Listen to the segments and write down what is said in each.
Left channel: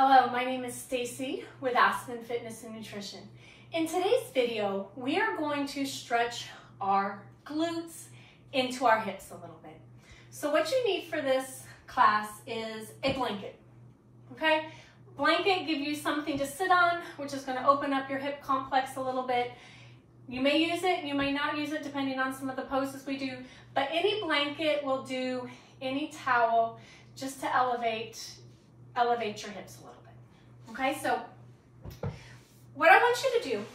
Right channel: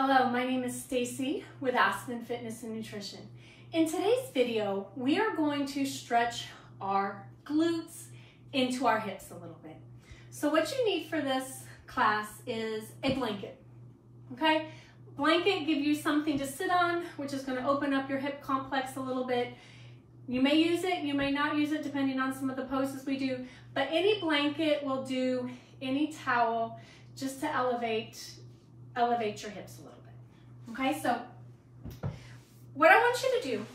Hello, my name is Stacie with Aspen Fitness and Nutrition. In today's video, we are going to stretch our glutes into our hips a little bit. So what you need for this class is a blanket, okay? Blanket gives you something to sit on, which is going to open up your hip complex a little bit. You may use it, you may not use it depending on some of the poses we do, but any blanket will do, any towel, just to elevate your hips a little bit. Okay, so what I want you to do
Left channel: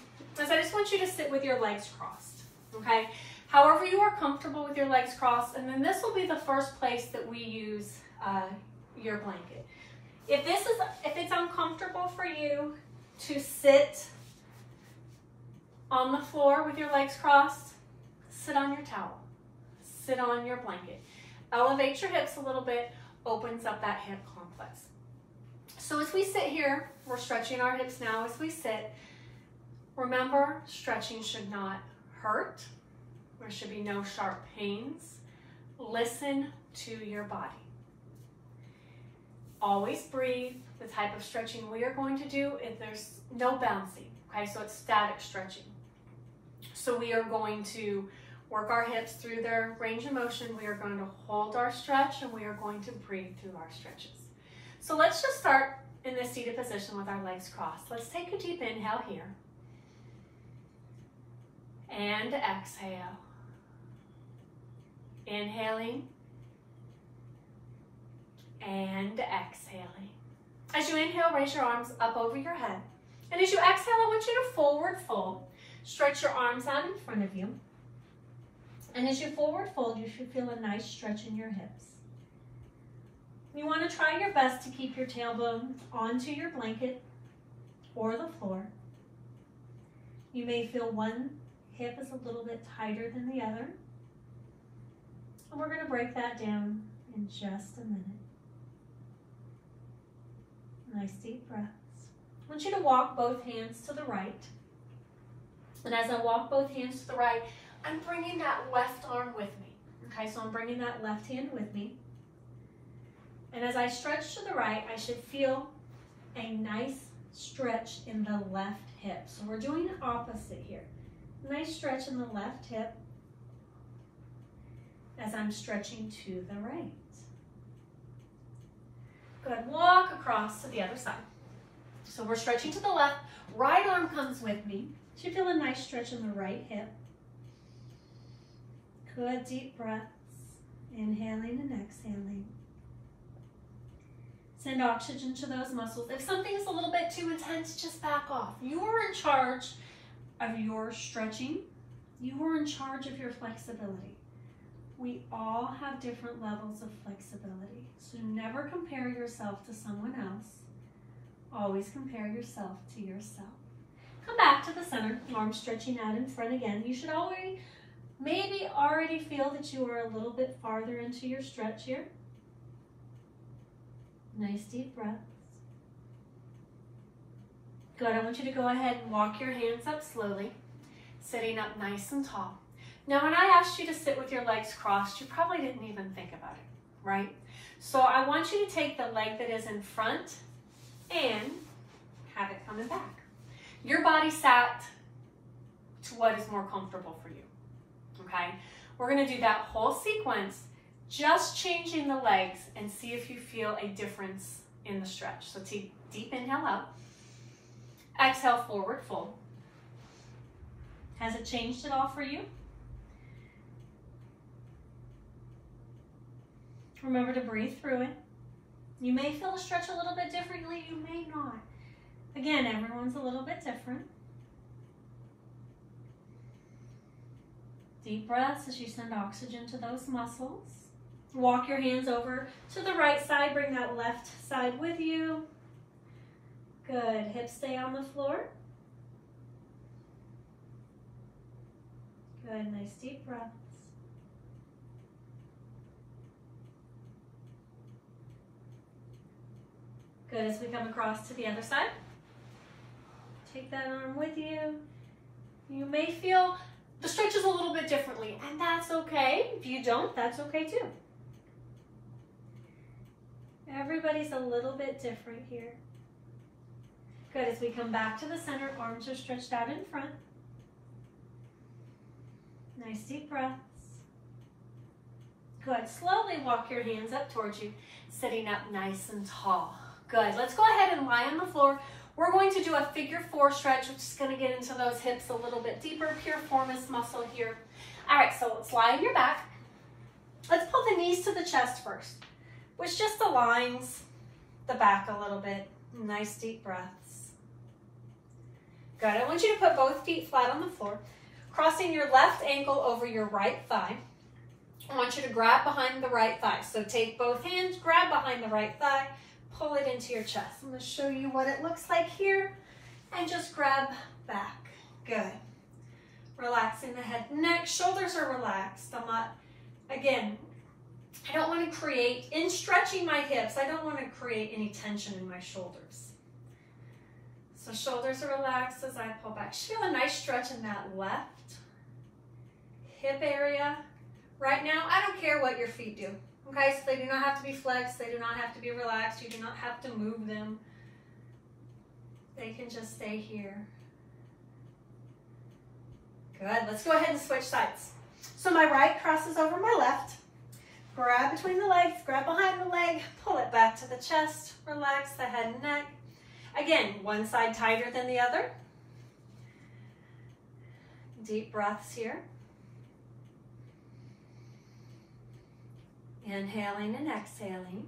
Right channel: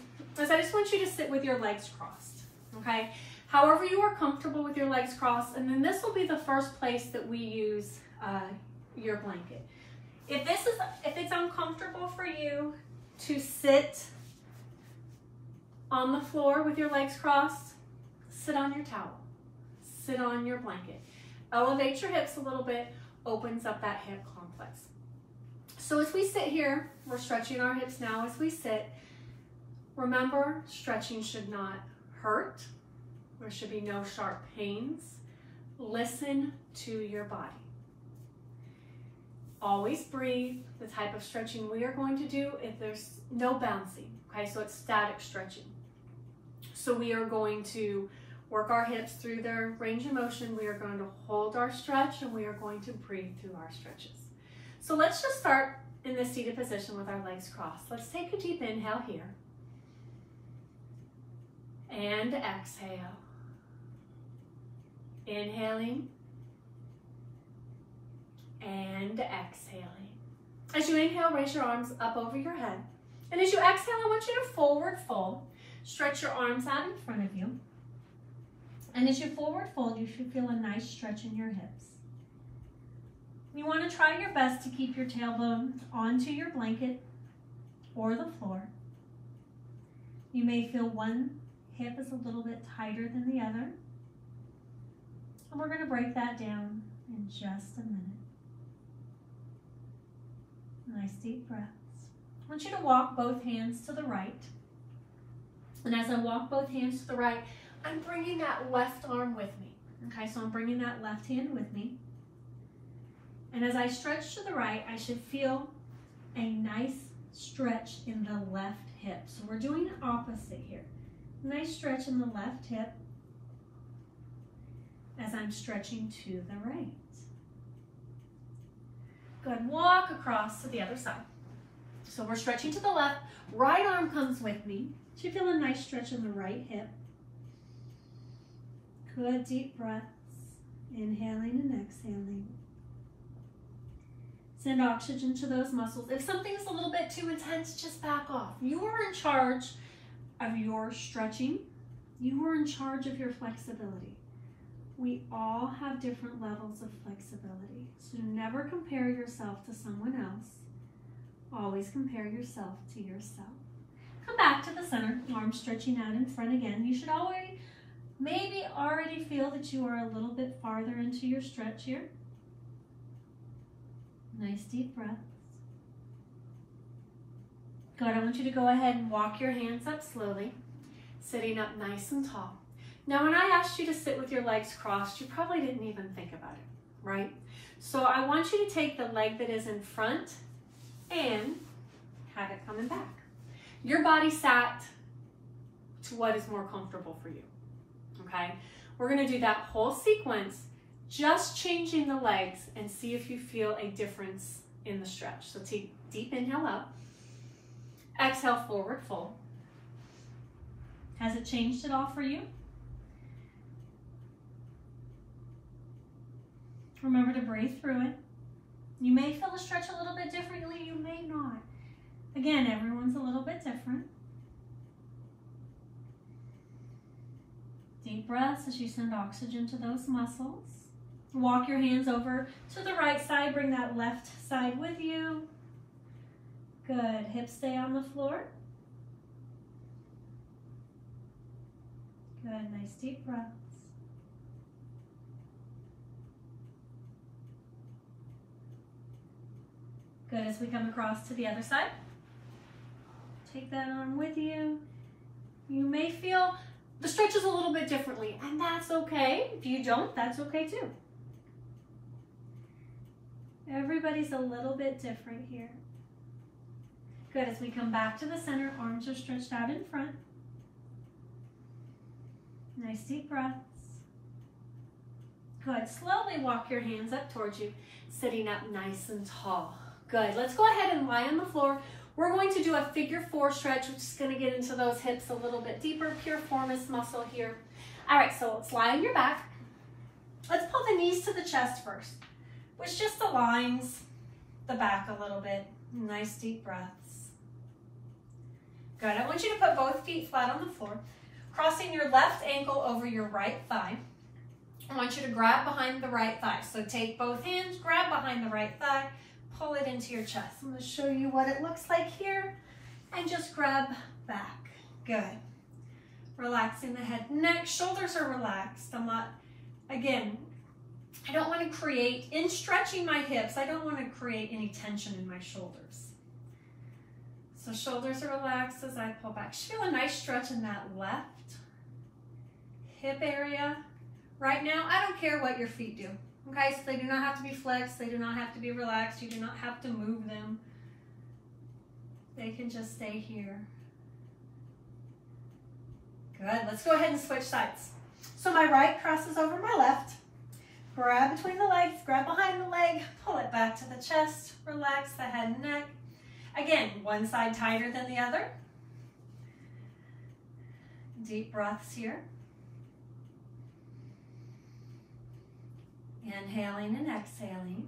is I just want you to sit with your legs crossed, okay? However you are comfortable with your legs crossed, and then this will be the first place that we use your blanket. If it's uncomfortable for you to sit on the floor with your legs crossed, sit on your towel, sit on your blanket. Elevate your hips a little bit, opens up that hip complex. So as we sit here, we're stretching our hips now as we sit. Remember, stretching should not hurt. There should be no sharp pains. Listen to your body. Always breathe. The type of stretching we are going to do, if there's no bouncing, okay, so it's static stretching. So we are going to work our hips through their range of motion. We are going to hold our stretch and we are going to breathe through our stretches. So let's just start in this seated position with our legs crossed. Let's take a deep inhale here. And exhale. Inhaling. And exhaling. As you inhale, raise your arms up over your head. And as you exhale, I want you to forward fold. Stretch your arms out in front of you. And as you forward fold, you should feel a nice stretch in your hips. You want to try your best to keep your tailbone onto your blanket or the floor. You may feel one hip is a little bit tighter than the other. And we're going to break that down in just a minute. Nice deep breaths. I want you to walk both hands to the right. And as I walk both hands to the right, I'm bringing that left arm with me. Okay, so I'm bringing that left hand with me. And as I stretch to the right, I should feel a nice stretch in the left hip. So we're doing the opposite here. Nice stretch in the left hip as I'm stretching to the right. Good, walk across to the other side. So we're stretching to the left, right arm comes with me. Should feel a nice stretch in the right hip. Good, deep breaths, inhaling and exhaling. Send oxygen to those muscles. If something is a little bit too intense, just back off. You are in charge of your stretching. You are in charge of your flexibility. We all have different levels of flexibility. So never compare yourself to someone else. Always compare yourself to yourself. Come back to the center, arms stretching out in front again. You should maybe already feel that you are a little bit farther into your stretch here. Nice deep breaths. Good, I want you to go ahead and walk your hands up slowly, sitting up nice and tall. Now when I asked you to sit with your legs crossed, you probably didn't even think about it, right? So I want you to take the leg that is in front and have it coming back. Your body sat to what is more comfortable for you, okay? We're gonna do that whole sequence, just changing the legs and see if you feel a difference in the stretch. So take deep inhale up, exhale, forward fold. Has it changed at all for you? Remember to breathe through it. You may feel the stretch a little bit differently, you may not. Again, everyone's a little bit different. Deep breaths as you send oxygen to those muscles. Walk your hands over to the right side. Bring that left side with you. Good. Hips stay on the floor. Good. Nice deep breaths. Good. As we come across to the other side. Take that arm with you. You may feel the stretches a little bit differently, and that's okay. If you don't, that's okay too. Everybody's a little bit different here. Good, as we come back to the center, arms are stretched out in front. Nice deep breaths. Good, slowly walk your hands up towards you, sitting up nice and tall. Good, let's go ahead and lie on the floor. We're going to do a figure 4 stretch, which is gonna get into those hips a little bit deeper, piriformis muscle here. All right, so let's lie on your back. Let's pull the knees to the chest first, which just aligns the back a little bit. Nice deep breaths. Good, I want you to put both feet flat on the floor, crossing your left ankle over your right thigh. I want you to grab behind the right thigh. So take both hands, grab behind the right thigh, pull it into your chest. I'm gonna show you what it looks like here, and just grab back. Good. Relaxing the head and neck, shoulders are relaxed. I'm not, again, I don't want to create, in stretching my hips, I don't want to create any tension in my shoulders. So shoulders are relaxed as I pull back. Just feel a nice stretch in that left hip area. Right now, I don't care what your feet do. Okay, so they do not have to be flexed, they do not have to be relaxed, you do not have to move them. They can just stay here. Good, let's go ahead and switch sides. So my right crosses over my left. Grab between the legs, grab behind the leg, pull it back to the chest, relax the head and neck. Again, one side tighter than the other. Deep breaths here. Inhaling and exhaling.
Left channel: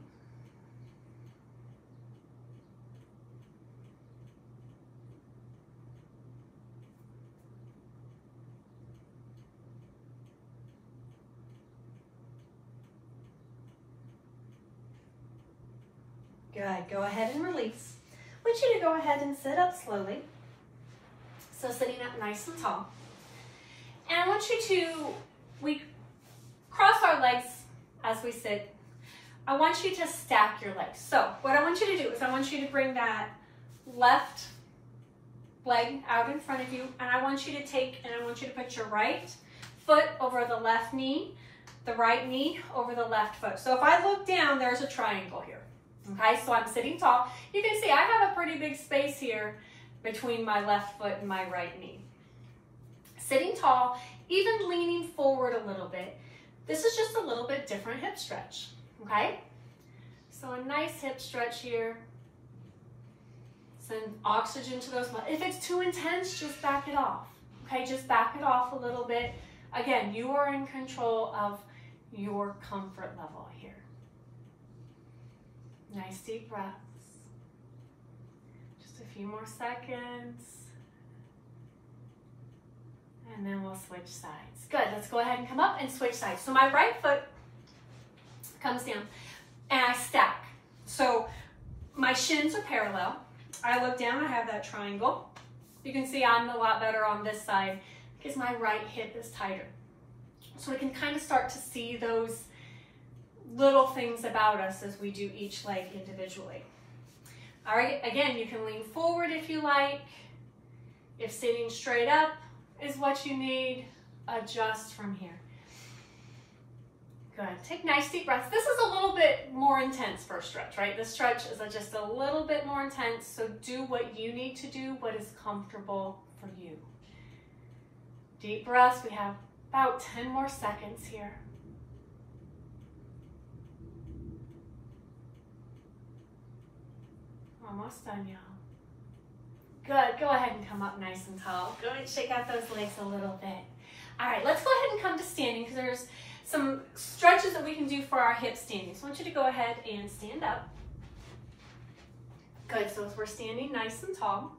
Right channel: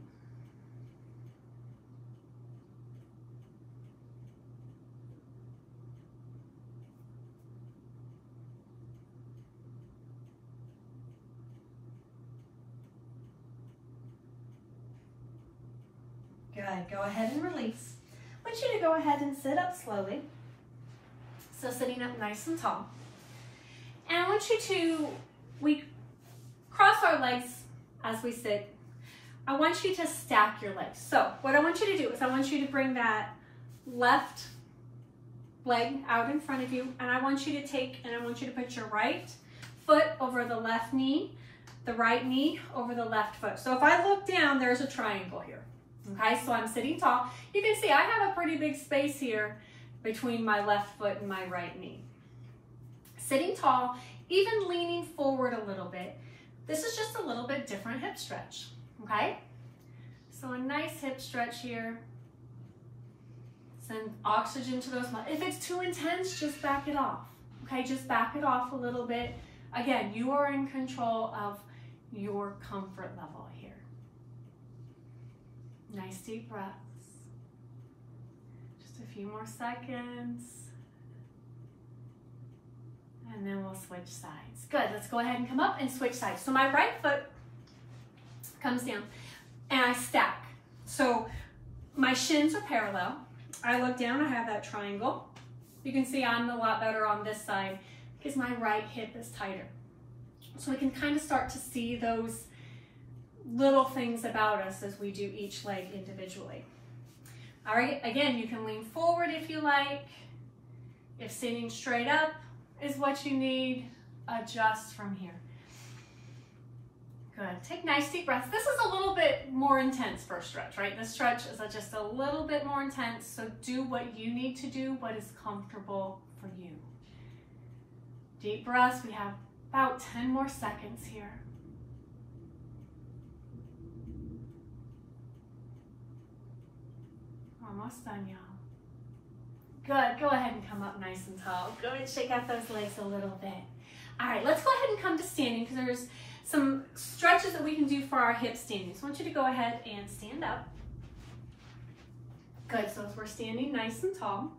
Good, go ahead and release. I want you to go ahead and sit up slowly. So sitting up nice and tall. And I want you to, we cross our legs as we sit. I want you to stack your legs. So what I want you to do is I want you to bring that left leg out in front of you, and I want you to take, and I want you to put your right foot over the left knee, the right knee over the left foot. So if I look down, there's a triangle here. Okay, so I'm sitting tall. You can see I have a pretty big space here between my left foot and my right knee. Sitting tall, even leaning forward a little bit. This is just a little bit different hip stretch, okay? So a nice hip stretch here. Send oxygen to those muscles. If it's too intense, just back it off, okay? Just back it off a little bit. Again, you are in control of your comfort level here. Nice deep breaths. Just a few more seconds. And then we'll switch sides. Good, let's go ahead and come up and switch sides. So my right foot comes down and I stack. So my shins are parallel. I look down, I have that triangle. You can see I'm a lot better on this side because my right hip is tighter. So we can kind of start to see those little things about us as we do each leg individually. All right, again, you can lean forward if you like. If sitting straight up is what you need, adjust from here. Good, take nice deep breaths. This is a little bit more intense for a stretch, right? This stretch is just a little bit more intense, so do what you need to do, what is comfortable for you. Deep breaths, we have about 10 more seconds here. Almost done, y'all. Good, go ahead and come up nice and tall. Go and shake out those legs a little bit. All right, let's go ahead and come to standing because there's some stretches that we can do for our hip standing. So I want you to go ahead and stand up. Good, so as we're standing nice and tall.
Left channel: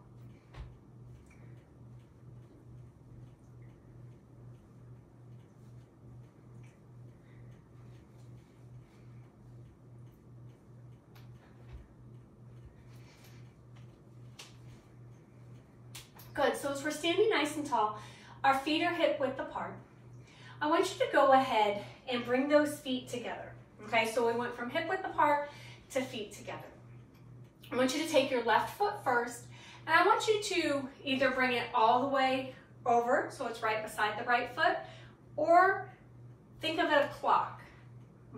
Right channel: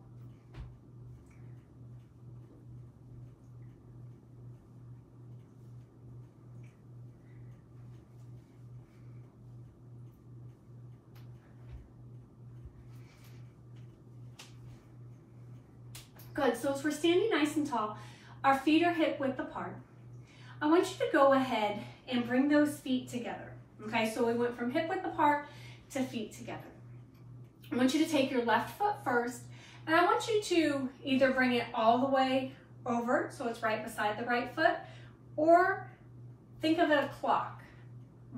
Good, so as we're standing nice and tall, our feet are hip width apart. I want you to go ahead and bring those feet together. Okay, so we went from hip width apart to feet together. I want you to take your left foot first, and I want you to either bring it all the way over, so it's right beside the right foot, or think of it a clock,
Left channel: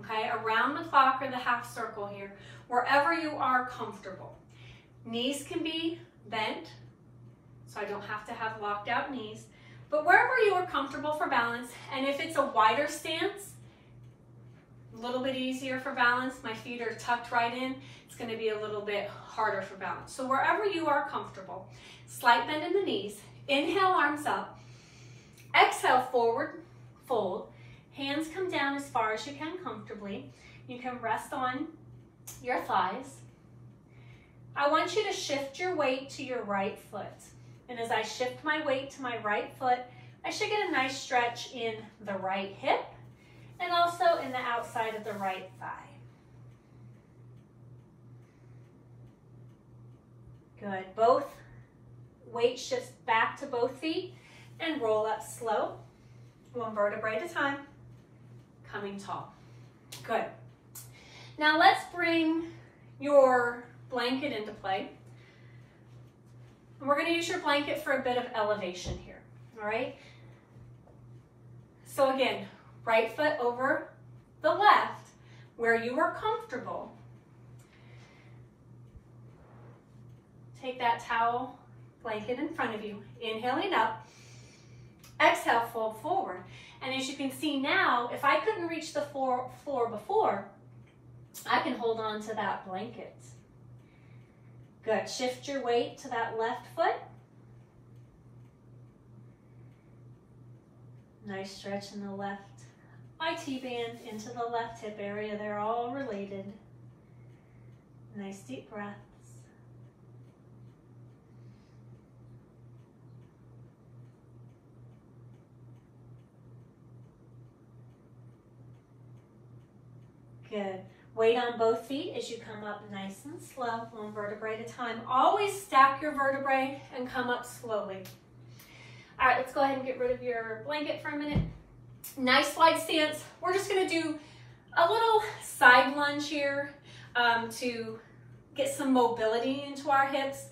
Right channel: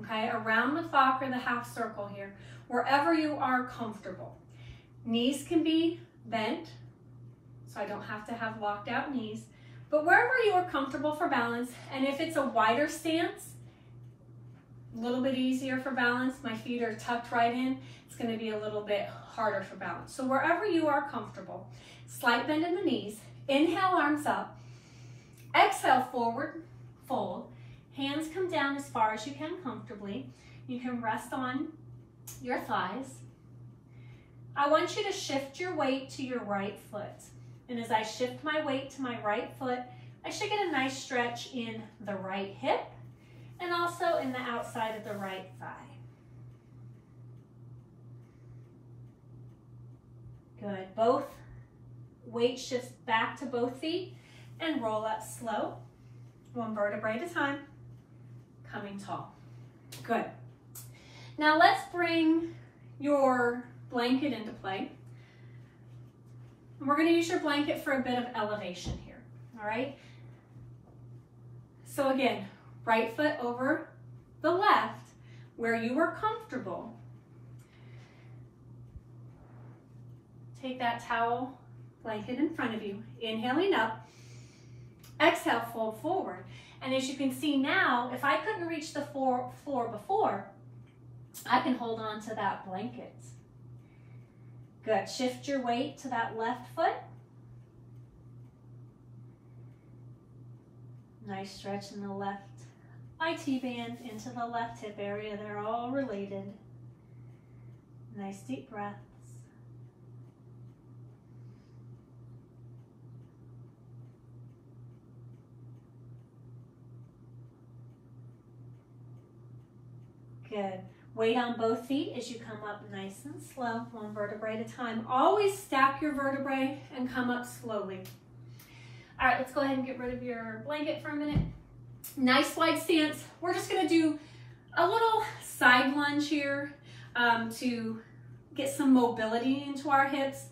okay, around the clock or the half circle here, wherever you are comfortable. Knees can be bent, so I don't have to have locked out knees, but wherever you are comfortable for balance, and if it's a wider stance, a little bit easier for balance, my feet are tucked right in, it's going to be a little bit harder for balance. So wherever you are comfortable, slight bend in the knees, inhale, arms up, exhale, forward, fold, hands come down as far as you can comfortably. You can rest on your thighs. I want you to shift your weight to your right foot. And as I shift my weight to my right foot, I should get a nice stretch in the right hip and also in the outside of the right thigh. Good. Both weight shifts back to both feet and roll up slow, one vertebrae at a time, coming tall. Good. Now let's bring your blanket into play. And we're going to use your blanket for a bit of elevation here, all right? So again, right foot over the left, where you are comfortable. Take that towel blanket in front of you, inhaling up, exhale, fold forward. And as you can see now, if I couldn't reach the floor before, I can hold on to that blanket. Good. Shift your weight to that left foot. Nice stretch in the left IT band into the left hip area. They're all related. Nice deep breaths. Good. Weight on both feet as you come up nice and slow, one vertebrae at a time. Always stack your vertebrae and come up slowly. All right, let's go ahead and get rid of your blanket for a minute. Nice wide stance. We're just gonna do a little side lunge here to get some mobility into our hips.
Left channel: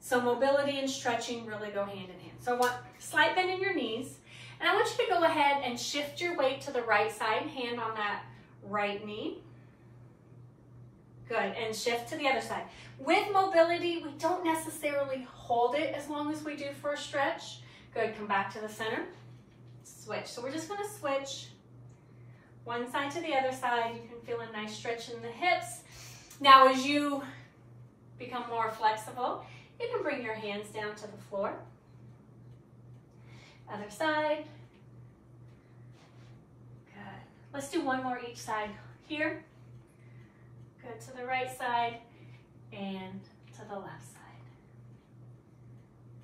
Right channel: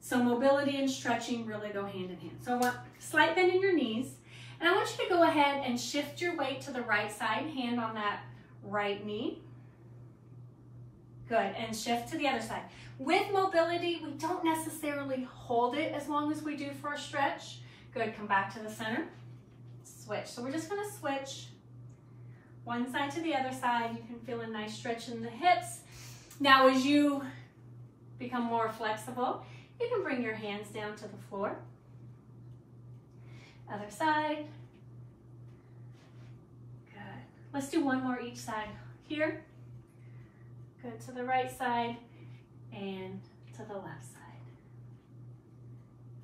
So mobility and stretching really go hand in hand. So I want slight bend in your knees, and I want you to go ahead and shift your weight to the right side, hand on that right knee. Good, and shift to the other side. With mobility, we don't necessarily hold it as long as we do for a stretch. Good, come back to the center, switch. So we're just gonna switch one side to the other side. You can feel a nice stretch in the hips. Now as you become more flexible, you can bring your hands down to the floor. Other side. Good. Let's do one more each side. Here. Good, to the right side and to the left side.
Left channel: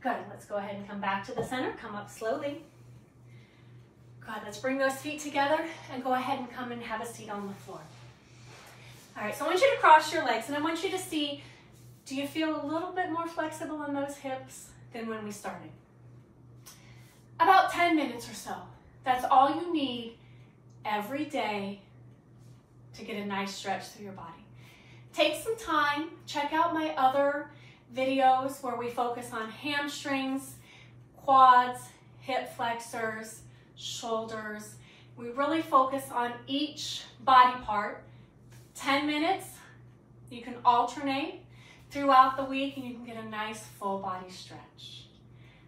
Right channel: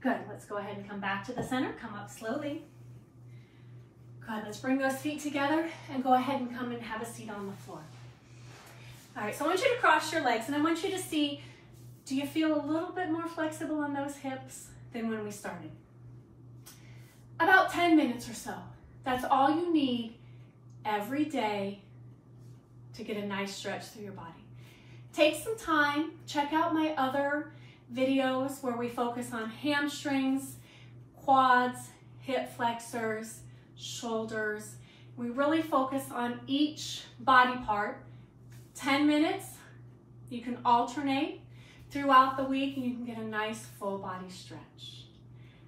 Good, let's go ahead and come back to the center. Come up slowly. Good, let's bring those feet together and go ahead and come and have a seat on the floor. All right, so I want you to cross your legs and I want you to see, do you feel a little bit more flexible in those hips than when we started? About 10 minutes or so. That's all you need every day to get a nice stretch through your body. Take some time, check out my other videos where we focus on hamstrings, quads, hip flexors, shoulders. We really focus on each body part. 10 minutes, you can alternate throughout the week and you can get a nice full body stretch.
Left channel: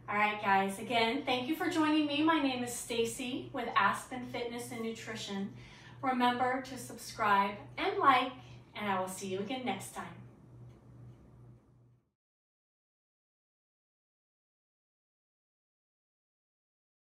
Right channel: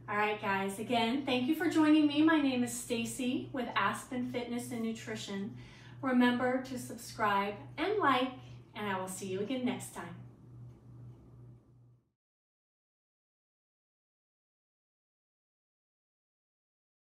All right, guys, again, thank you for joining me. My name is Stacie with Aspen Fitness and Nutrition. Remember to subscribe and like, and I will see you again next time.